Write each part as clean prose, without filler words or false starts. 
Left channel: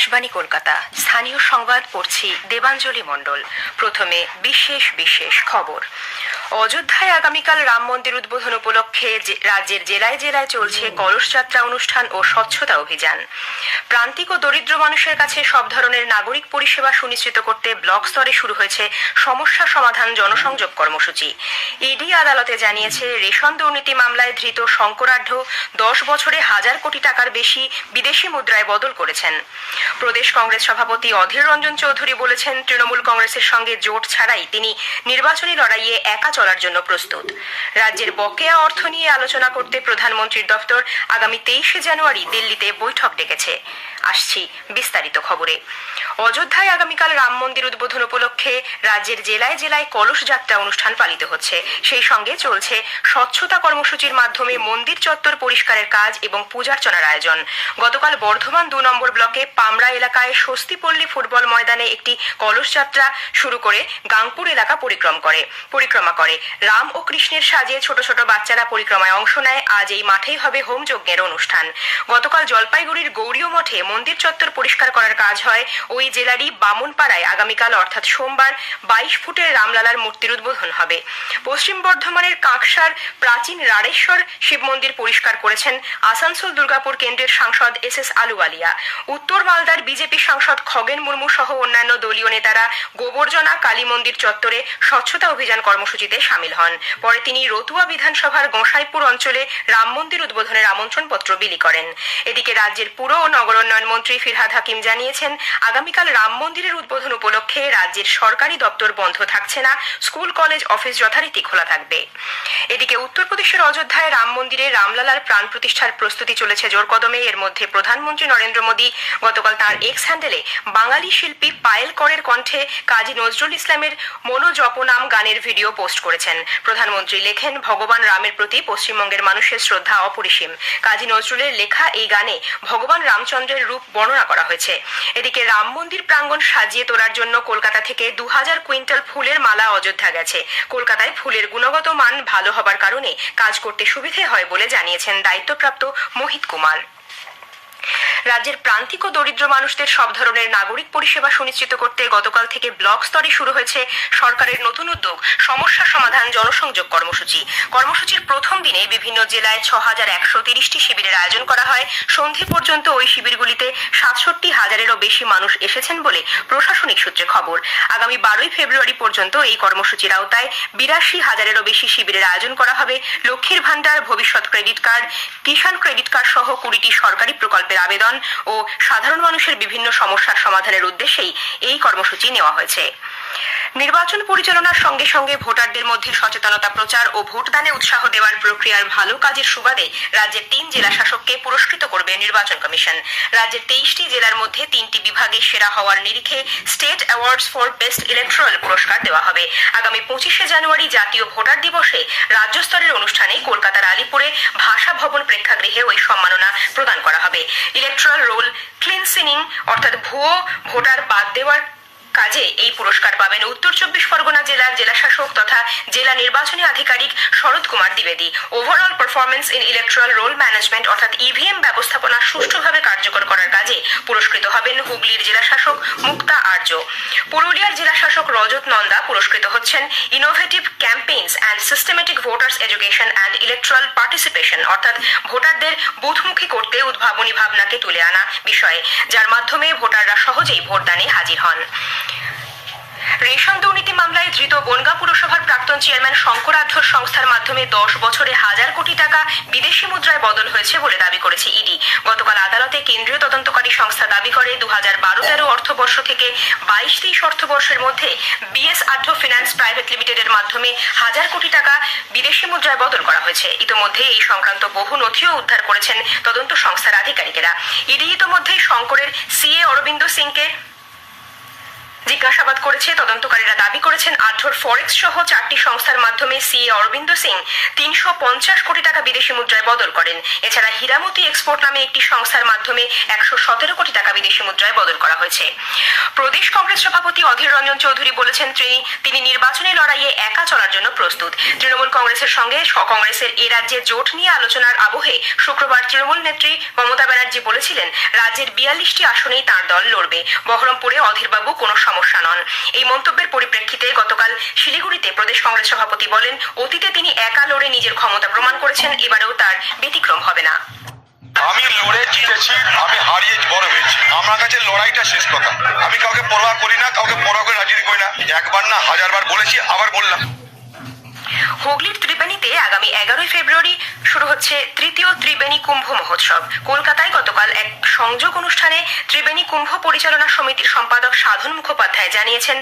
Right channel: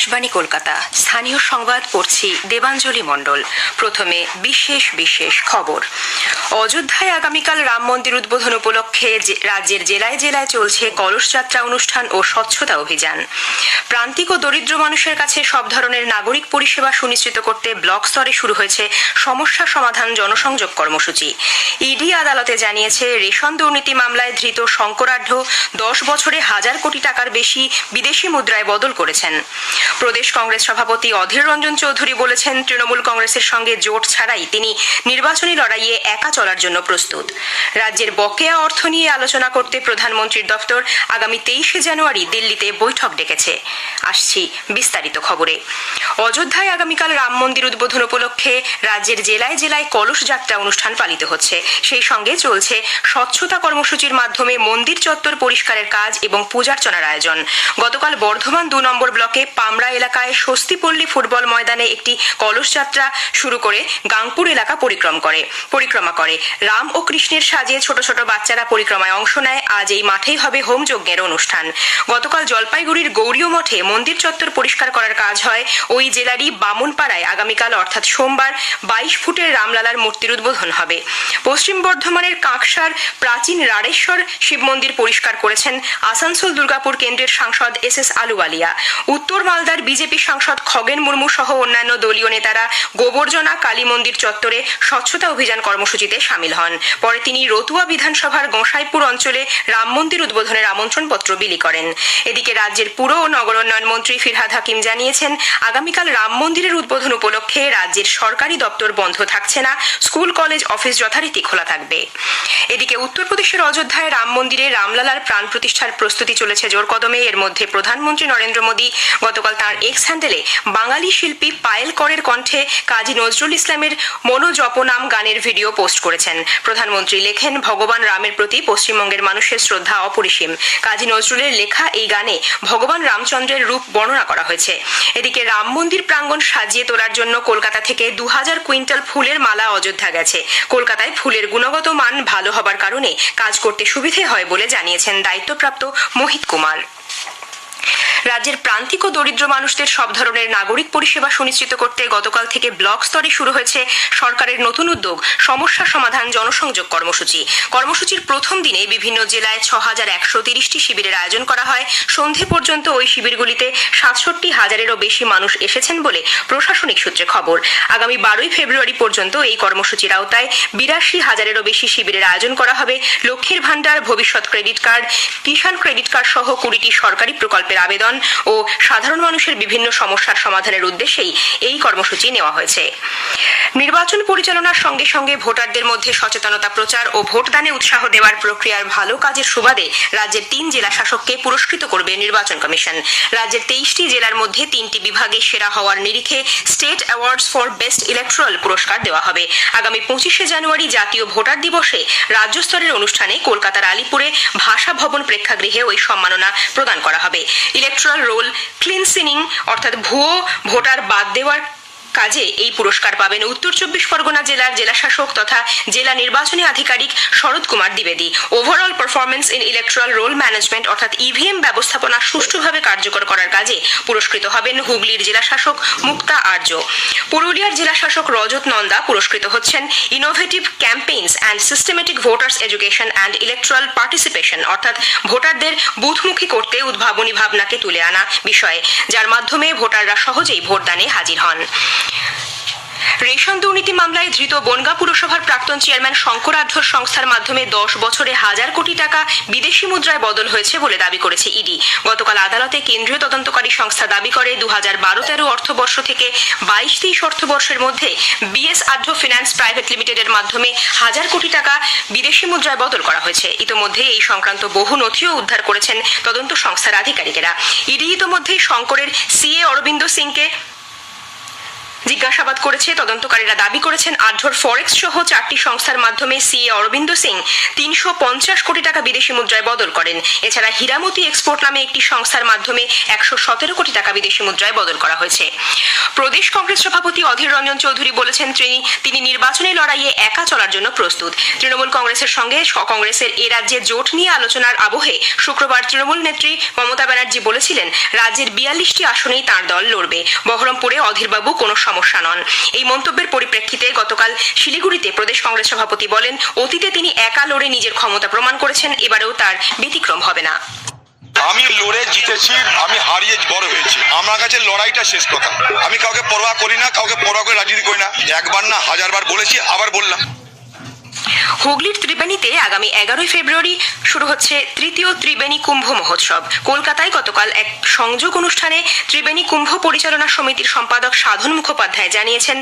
আকাশবাণী কলকাতা স্থানীয় সংবাদ পড়ছি দেবাঞ্জলি মণ্ডল। প্রথমে বিশেষ বিশেষ খবর। অযোধ্যায় আগামীকাল রাম মন্দির উদ্বোধন উপলক্ষে রাজ্যের জেলায় জেলায় চলছে কলস যাত্রা অনুষ্ঠান ও স্বচ্ছতা অভিযান। প্রান্তিক ও দরিদ্র মানুষের কাছে সব ধরনের নাগরিক পরিষেবা সুনিশ্চিত করতে ব্লক স্তরে শুরু হয়েছে সমস্যা সমাধান জনসংযোগ কর্মসূচি। ইডি আদালতে জানিয়েছে, রেশন দুর্নীতি মামলায় ধৃত শঙ্করাঢ্য 10 বছরে 1000 কোটি টাকার বেশি বিদেশি মুদ্রায় বদল করেছেন। প্রদেশ কংগ্রেস সভাপতি অধীর রঞ্জন চৌধুরী বলেছেন, তৃণমূল কংগ্রেসের সঙ্গে জোট ছাড়াই তিনি নির্বাচনী লড়াইয়ে একা চলার জন্য প্রস্তুত। রাজ্যের বকেয়া অর্থ নিয়ে আলোচনা করতে প্রধানমন্ত্রীর দপ্তর আগামী 23শে জানুয়ারি দিল্লিতে বৈঠক ডেকেছে। আসছি বিস্তারিত খবরে। অযোধ্যায় আগামীকাল রাম মন্দির উদ্বোধন উপলক্ষে রাজ্যের জেলায় জেলায় কলস যাত্রা অনুষ্ঠান পালিত হচ্ছে। সেই সঙ্গে চলছে স্বচ্ছতা কর্মসূচির মাধ্যমে মন্দির চত্বর পরিষ্কারের কাজ এবং পূজার্চনার আয়োজন। গতকাল বর্ধমান 2 নম্বর ব্লকে পামরা এলাকায় স্বস্তিপল্লী ফুটবল ময়দানে একটি কলস যাত্রা শুরু করে গাংপুর এলাকা পরিক্রমা করে। রাম ও কৃষ্ণের সাজে ছোট ছোট বাচ্চারা পরিক্রমায় অংশ নেয়। আজ এই মাঠেই হবে হোম যজ্ঞের অনুষ্ঠান। গতকাল জলপাইগুড়ির গৌরীয় মঠে মন্দির চত্বর পরিষ্কার করার কাজ হয়। ওই জেলারই বামুনপাড়ায় আগামীকাল অর্থাৎ সোমবার 22 ফুটের রামলালার মূর্তির উদ্বোধন হবে। পশ্চিম বর্ধমানের কাঁকসার প্রাচীন রাড়েশ্বর শিব মন্দির পরিষ্কার করেছেন আসানসোল দুর্গাপুর কেন্দ্রের সাংসদ এস আলুওয়ালিয়া। উত্তর মালদার বিজেপি সাংসদ খগেন মুর্মু সহ অন্যান্য দলীয় নেতারা গোবর্জনা কালী মন্দির চত্বরে স্বচ্ছতা অভিযান কর্মসূচিতে সামিল হন। পরে তিনি রতুয়া বিধানসভার গোসাইপুর অঞ্চলে রাম মন্দির উদ্বোধনের আমন্ত্রণপত্র বিলি করেন। এদিকে রাজ্যের পুর ও নগর উন্নয়ন মন্ত্রী ফিরহাদ হাকিম জানিয়েছেন, আগামীকাল রাম মন্দিরের উদ্বোধন উপলক্ষে রাজ্যের সরকারি দপ্তর বন্ধ থাকছে না, স্কুল কলেজ অফিস যথারীতি খোলা থাকবে। এদিকে উত্তরপ্রদেশের অযোধ্যায় রাম মন্দিরে রামলালার প্রাণ প্রতিষ্ঠার প্রস্তুতি চলেছে জোর কদমে। এর মধ্যে প্রধানমন্ত্রী নরেন্দ্র মোদী গতকাল তাঁর এক্স হ্যান্ডেলে বাঙালি শিল্পী পায়েল করের কণ্ঠে কাজী নজরুল ইসলামের মনোজপনাম গানের ভিডিও পোস্ট করেছেন। প্রধানমন্ত্রী লেখেন, ভগবান রামের প্রতি পশ্চিমবঙ্গের মানুষের শ্রদ্ধা অপরিসীম। কাজী নজরুলের লেখা এই গানে ভগবান রামচন্দ্রের রূপ বর্ণনা করা হয়েছে। এদিকে রাম মন্দির প্রাঙ্গণ সাজিয়ে তোলার জন্য কলকাতা থেকে 2000 কুইন্টাল ফুলের মালা অযোধ্যা গেছে। কলকাতায় ফুলের গুণগত মান ভালো হবার কারণে কাজ করতে সুবিধে হয় বলে জানিয়েছেন দায়িত্বপ্রাপ্ত মোহিত কুমার। রাজ্যের প্রান্তিক ও দরিদ্র মানুষদের সব ধরনের নাগরিক পরিষেবা সুনিশ্চিত করতে গতকাল থেকে ব্লক স্তরে শুরু হয়েছে সরকারের নতুন উদ্যোগ সমস্যা সমাধান জনসংযোগ কর্মসূচি। কর্মসূচির প্রথম দিনে বিভিন্ন জেলায় 6130টি শিবিরের আয়োজন করা হয়। সন্ধে পর্যন্ত ওই শিবিরগুলিতে 67,000-এরও বেশি মানুষ এসেছেন বলে প্রশাসনিক সূত্রে খবর। আগামী 12ই ফেব্রুয়ারি পর্যন্ত এই কর্মসূচির আওতায় 82,000-এরও বেশি শিবিরের আয়োজন করা হবে। লক্ষ্মীর ভান্ডার, ভবিষ্যৎ ক্রেডিট কার্ড, কিষাণ ক্রেডিট কার্ড সহ 20টি সরকারি প্রকল্পের আবেদন ও সাধারণ মানুষের বিভিন্ন সমস্যার সমাধানের উদ্দেশ্যেই এই কর্মসূচি নেওয়া হয়েছে। নির্বাচন পরিচালনার সঙ্গে সঙ্গে ভোটারদের মধ্যে সচেতনতা প্রচার ও ভোটদানে উৎসাহ দেওয়ার প্রক্রিয়ার ভালো কাজের সুবাদে রাজ্যের 3 জেলা শাসককে পুরস্কৃত করবে নির্বাচন কমিশন। রাজ্যের 23টি জেলার মধ্যে 3টি বিভাগে সেরা হওয়ার নিরিখে state awards for best electoral পুরস্কার দেওয়া হবে। আগামী 25শে জানুয়ারি জাতীয় ভোটার দিবসে রাজ্য স্তরের অনুষ্ঠানে কলকাতার আলিপুরে ভাষা ভবন প্রেক্ষাগৃহে ওই সম্মাননা প্রদান করা হবে। ইলেকট্রাল রোল ক্লিনসিনিং অর্থাৎ ভুয়ো ভোটার বাদ দেওয়ার কাজে এই পুরস্কার পাবেন উত্তর 24 পরগনা জেলার জেলাশাসক তথা জেলা নির্বাচনী আধিকারিক শরৎ কুমার দ্বিবেদী। Overall performance in electoral roll management অর্থাৎ ইভিএম ব্যবস্থাপনা সুষ্ঠুভাবে কার্যকর করার কাজে পুরস্কৃত হবেন হুগলির জেলাশাসক মুক্তা আর্য। পুরুলিয়ার জেলাশাসক রজত নন্দা পুরস্কৃত হচ্ছেন innovative campaigns and systematic voters education and electoral participation অর্থাৎ ভোটারদের বুথমুখী করতে উদ্ভাবনী ভাবনাকে তুলে আনা বিষয়ে, যার মাধ্যমে ভোটাররা সহজেই ভোটদানে হাজির হন। রেশন দুর্নীতি মামলায় ধৃত বনগাঁ পুরসভার প্রাক্তন চেয়ারম্যান শঙ্করাঢ্যর সংস্থার মাধ্যমে 10 বছরে 1000 কোটি টাকা বিদেশি মুদ্রায় বদল হয়েছে বলে দাবি করেছে ইডি। গতকাল আদালতে কেন্দ্রীয় তদন্তকারী সংস্থা দাবি করে 2012-13 অর্থবর্ষ থেকে 22-23 অর্থবর্ষের মধ্যে বিএস আঢ্য ফিন্যান্স প্রাইভেট লিমিটেডের মাধ্যমে 1000 কোটি টাকা বিদেশি মুদ্রায় বদল করা হয়েছে। ইতোমধ্যে এই সংক্রান্ত বহু নথিও উদ্ধার করেছেন তদন্ত সংস্থার আধিকারিকেরা। ইডি ইতোমধ্যেই শঙ্করের সিএ অরবিন্দ সিংকে জিজ্ঞাসাবাদ করেছে। তদন্তকারীরা দাবি করেছেন আঢ্যর ফরেক্স সহ 4টি সংস্থার মাধ্যমে সিএ অরবিন্দ সিং 350 কোটি টাকা বিদেশি মুদ্রায় বদল করেন। এছাড়া হীরামতি এক্সপোর্ট নামে একটি সংস্থার মাধ্যমে 117 কোটি টাকা বিদেশি মুদ্রায় বদল করা হয়েছে। প্রদেশ কংগ্রেস সভাপতি অধীর রঞ্জন চৌধুরী বলেছেন তিনি নির্বাচনী লড়াইয়ে একা চলার জন্য প্রস্তুত। তৃণমূল কংগ্রেসের সঙ্গে কংগ্রেসের এ রাজ্যে জোট নিয়ে আলোচনার আবহে শুক্রবার তৃণমূল নেত্রী মমতা ব্যানার্জি বলেছিলেন রাজ্যের 42টি আসনেই তাঁর দল লড়বে। বহরমপুরে অধীরবাবু কোনো সমস্যা নন। এই মন্তব্যের পরিপ্রেক্ষিতে গতকাল শিলিগুড়িতে প্রদেশ কংগ্রেস সভাপতি বলেন অতীতে তিনি একা লড়ে নিজের ক্ষমতা প্রমাণ করেছেন, এবারেও তার ব্যতিক্রম হবে না। আমি লড়ে জিতেছি, আমি হারিয়ে বড় হয়েছি। আমার কাছে লড়াইটা শেষ কথা। আমি কাউকে পরোয়া করি না, কাউকে পরোয়া করে রাজনীতি করি না। একবার না হাজারবার বলেছি, আবার বললাম। হুগলির ত্রিবেণীতে আগামী 11 ফেব্রুয়ারি শুরু হচ্ছে তৃতীয় ত্রিবেণী কুম্ভ মহোৎসব। কলকাতায় গতকাল এক সংযোগ অনুষ্ঠানে ত্রিবেণী কুম্ভ পরিচালনা সমিতির সম্পাদক সাধন মুখোপাধ্যায় জানিয়েছেন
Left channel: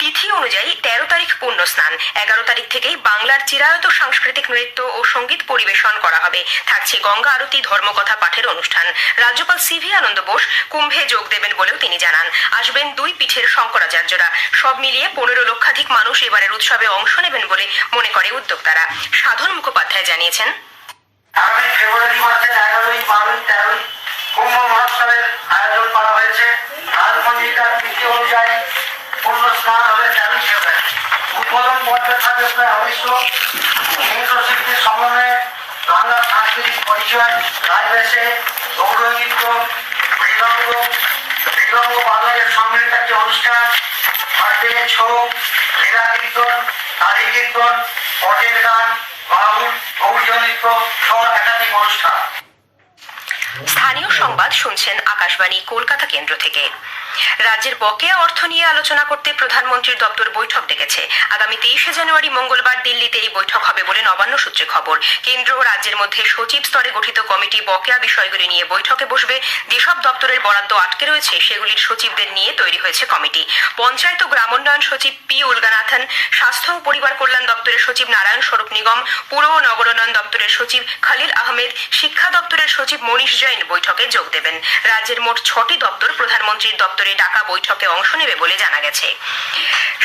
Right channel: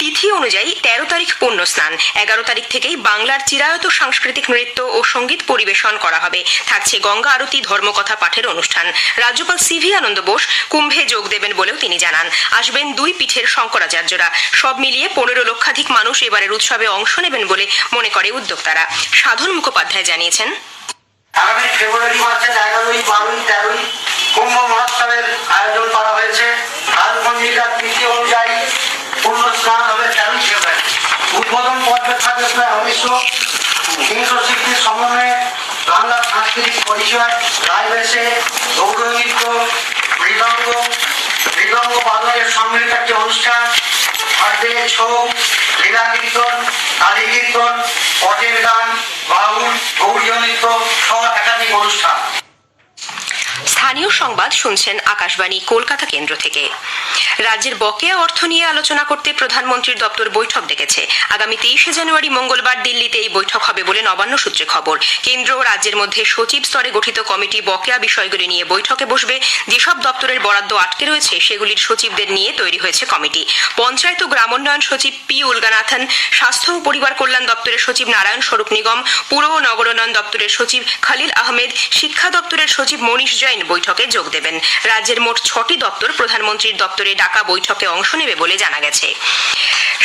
তিথি অনুযায়ী 13 তারিখ পুণ্য স্নান, 11 তারিখ থেকেই বাংলার চিরায়ত সাংস্কৃতিক নৃত্য ও সঙ্গীত পরিবেশন করা হবে। থাকছে গঙ্গা আরতি, ধর্মকথা পাঠের অনুষ্ঠান। রাজ্যপাল সিভি আনন্দ বোস কুম্ভে যোগ দেবেন বলেও তিনি জানান। আসবেন 2 পীঠের শঙ্করাচার্যরা। সব মিলিয়ে 15 লক্ষাধিক মানুষ এবারের উৎসবে অংশ নেবেন বলে মনে করে উদ্যোক্তারা। সাধন মুখোপাধ্যায় জানিয়েছেন আগামী ফেব্রুয়ারি মাসের 11, 12, 13 কুম্ভ মহোৎসবের আয়োজন করা হয়েছে। কালপঞ্জিকার তিথি অনুযায়ী পূর্ণ স্নান হবে 13 ফেব্রুয়ারি। উদ্বোধন পর্বে থাকবে প্রায় 300 শিল্পীর সমন্বয়ে বাংলার সাংস্কৃতিক পরিচয়, রায়বেশে, গৌরনৃত্য, মৃদঙ্গ বাদনের সম্মিলিত একটি অনুষ্ঠান, হাটে ছৌ, লীলা কীর্তন, কালী কীর্তন, পটের গান, বাউল, গৌরীয় নৃত্য সহ একাধিক অনুষ্ঠান। স্থানীয় সংবাদ শুনছেন আকাশবাণী কলকাতা কেন্দ্র থেকে। রাজ্যের বকেয়া অর্থ নিয়ে আলোচনা করতে প্রধানমন্ত্রীর দপ্তর বৈঠক ডেকেছে। আগামী 23 জানুয়ারি মঙ্গলবার দিল্লিতে এই বৈঠক হবে বলে নবান্ন সূত্রে খবর। কেন্দ্র ও রাজ্যের মধ্যে সচিব স্তরে গঠিত কমিটি বকেয়া বিষয়গুলি নিয়ে বৈঠকে বসবে। যেসব দপ্তরের বরাদ্দ আটকে রয়েছে সেগুলির সচিবদের নিয়ে তৈরি হয়েছে কমিটি। পঞ্চায়েত ও গ্রামোন্নয়ন সচিব পি উলগানাথন, স্বাস্থ্য ও পরিবার কল্যাণ দপ্তরের সচিব নারায়ণ স্বরূপ নিগম, পুর ও নগরোন্নয়ন দপ্তরের সচিব খলিল আহমেদ, শিক্ষা দপ্তরের সচিব মনীষ জৈন বৈঠকে যোগ দেবেন। রাজ্যের মোট 6টি দপ্তর প্রধানমন্ত্রীর দপ্তরে ডাকা বৈঠকে অংশ নেবে বলে জানা গেছে।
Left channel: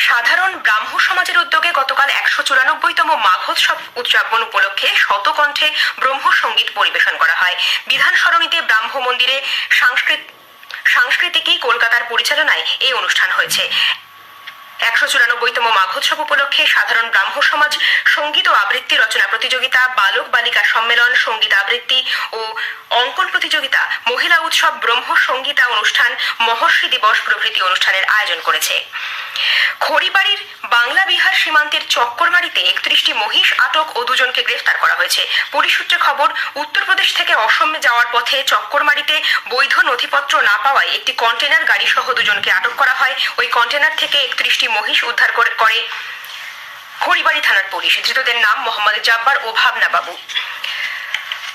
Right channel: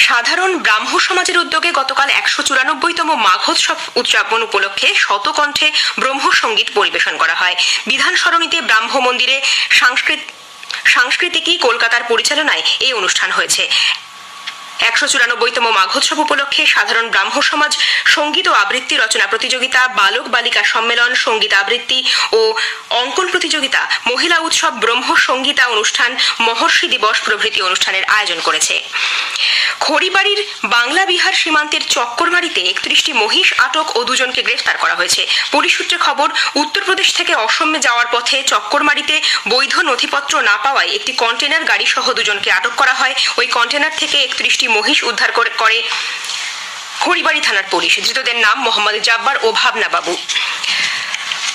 সাধারণ ব্রাহ্ম সমাজের উদ্যোগে গতকাল 194তম মাঘোৎসব উদযাপন উপলক্ষে শতকণ্ঠে ব্রহ্ম সঙ্গীত পরিবেশন করা হয়। বিধান সরণিতে ব্রাহ্ম মন্দিরে সাংস্কৃতিকী কলকাতার পরিচালনায় এই অনুষ্ঠান হয়েছে। 194তম মাঘোৎসব উপলক্ষে সাধারণ ব্রাহ্ম সমাজ সঙ্গীত ও আবৃত্তি রচনা প্রতিযোগিতা, বালক বালিকা সম্মেলন, সঙ্গীত আবৃত্তি ও অঙ্কন প্রতিযোগিতা, মহিলা উৎসব, ব্রহ্ম সঙ্গীতা অনুষ্ঠান, মহর্ষি দিবস প্রভৃতি অনুষ্ঠানের আয়োজন করেছে। খড়িবাড়ির বাংলা বিহার সীমান্তের চক্করমারিতে 31টি মহিষ আটক ও 2 জনকে গ্রেফতার করা হয়েছে। পুলিশ সূত্রে খবর, উত্তরপ্রদেশ থেকে অসমে যাওয়ার পথে চক্করমারিতে বৈধ নথিপত্র না পাওয়ায় একটি কন্টেনার গাড়ি সহ 2 জনকে আটক করা হয়। ওই কন্টেনার থেকে 31টি মহিষ উদ্ধার করে খড়িবাড়ি থানার পুলিশ। ধৃতদের নাম মোহাম্মদ জাব্বার ও ভাবনা বাবু।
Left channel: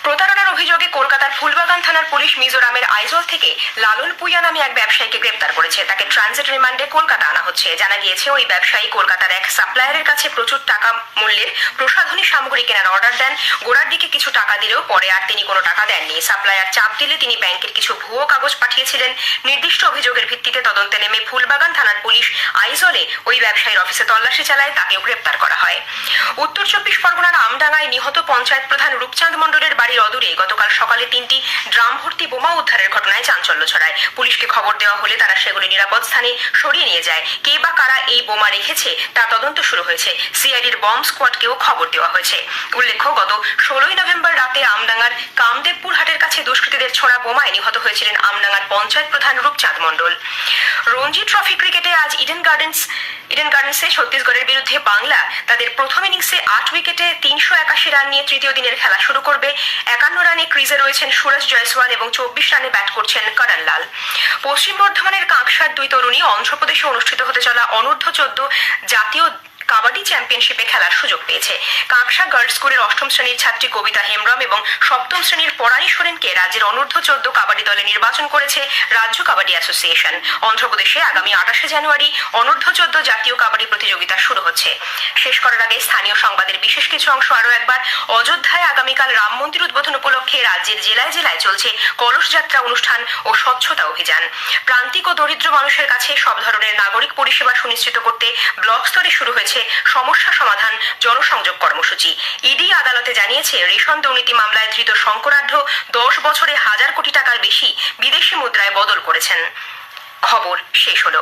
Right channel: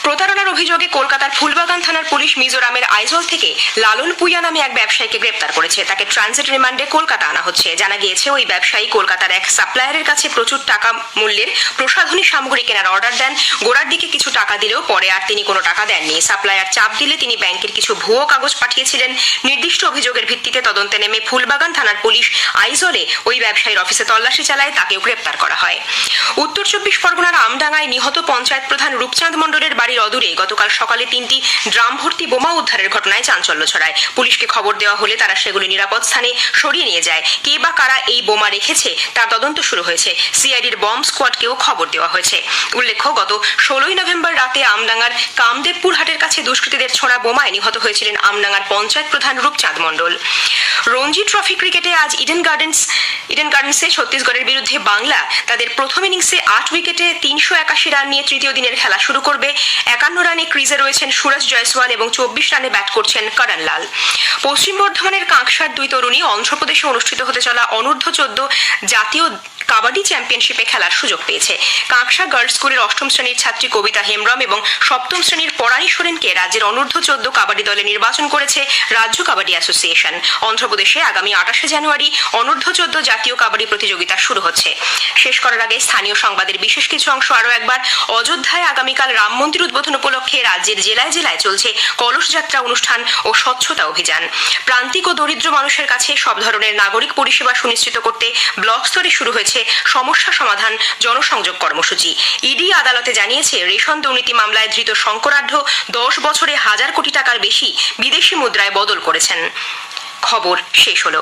প্রতারণার অভিযোগে কলকাতার ফুলবাগান থানার পুলিশ মিজোরামের আইজল থেকে লালন পুইয়া নামে এক ব্যবসায়ীকে গ্রেপ্তার করেছে। তাকে ট্রানজিট রিমান্ডে কলকাতা আনা হচ্ছে। জানা গিয়েছে ওই ব্যবসায়ী কলকাতার এক সাপ্লায়ারের কাছে প্রচুর টাকা মূল্যের প্রসাধনী সামগ্রী কেনার অর্ডার দেন। গোড়ার দিকে কিছু টাকা দিলেও পরে আর তিনি কোনো টাকা দেননি। সাপ্লায়ার চাপ দিলে তিনি ব্যাংকের কিছু ভুয়ো কাগজ পাঠিয়েছিলেন। নির্দিষ্ট অভিযোগের ভিত্তিতে তদন্তে নেমে ফুলবাগান থানার পুলিশ আইজলে ওই ব্যবসায়ীর অফিসে তল্লাশি চালায়, তাকেও গ্রেপ্তার করা হয়। উত্তর 24 পরগনার আমডাঙ্গায় নিহত পঞ্চায়েত প্রধান রূপচাঁদ মণ্ডলের বাড়ির অদূরে গতকাল সকালে 3টি ড্রাম ভর্তি বোমা উদ্ধারের ঘটনায় চাঞ্চল্য ছড়ায়। পুলিশকে খবর দেওয়া হলে তারা সেগুলি নিরাপদ স্থানে সরিয়ে নিয়ে যায়। কে বা কারা এই বোমা রেখেছে তার তদন্ত শুরু হয়েছে। সিআইডির বম্ব স্কোয়াডকেও খবর দেওয়া হয়েছে। উল্লেখ্য, গত 16 নভেম্বর রাতে আমডাঙ্গার কামদেবপুর হাটের কাছে দুষ্কৃতীদের ছোড়া বোমায় নিহত হয়েছিলেন আমডাঙ্গার পঞ্চায়েত প্রধান রূপচাঁদ মণ্ডল। রঞ্জি ট্রফি ক্রিকেটে আজ ইডেন গার্ডেন্সে ছত্তিশগড়ের বিরুদ্ধে বাংলা তাদের প্রথম ইনিংসে 8 উইকেটে 381 রান নিয়ে তৃতীয় দিনের খেলা শুরু করবে। 51 রানে ক্রিজে রয়েছেন সুরজ জয়সওয়াল এবং 24 রানে ব্যাট করছেন করণ লাল। পশ্চিম বর্ধমানের কাঁকসার 2 তরুণী অন্ধ্রপ্রদেশে অনুষ্ঠিত হতে চলা অনূর্ধ্ব 14 জাতীয় কাবাডি চ্যাম্পিয়নশিপে খেলার সুযোগ পেয়েছে। কাঁকসা গার্লস স্কুলের 8ম শ্রেণীর ছাত্রী কবিতা হেমব্রম এবং 7ম শ্রেণীর পরাণী সোরেনকে রাজ্যের অনূর্ধ্ব 14 কাবাডি দলে নির্বাচন করেছে রাজ্য কাবাডি অ্যাসোসিয়েশন। অন্ধ্রপ্রদেশে আগামী 28শে জানুয়ারি অনূর্ধ্ব 14 জাতীয় কাবাডি প্রতিযোগিতা শুরু হচ্ছে। শেষ করার আগে স্থানীয় সংবাদের বিশেষ কিছু অংশ আরও একবার। অযোধ্যায় আগামীকাল রাম মন্দির উদ্বোধন উপলক্ষে রাজ্যের জেলায় জেলায় চলছে কলস যাত্রা অনুষ্ঠান ও স্বচ্ছতা অভিযান। প্রান্তিক ও দরিদ্র মানুষের কাছে সব ধরনের নাগরিক পরিষেবা সুনিশ্চিত করতে ব্লক স্তরে শুরু হয়েছে সমস্যা সমাধান জনসংযোগ কর্মসূচি। ইডি আদালতে জানিয়েছে রেশন দুর্নীতি মামলায় ধৃত শঙ্করাঢ্য 10 বছরে 1000 কোটি টাকার বেশি বিদেশি মুদ্রায় বদল করেছেন। খবর শেষ হলো।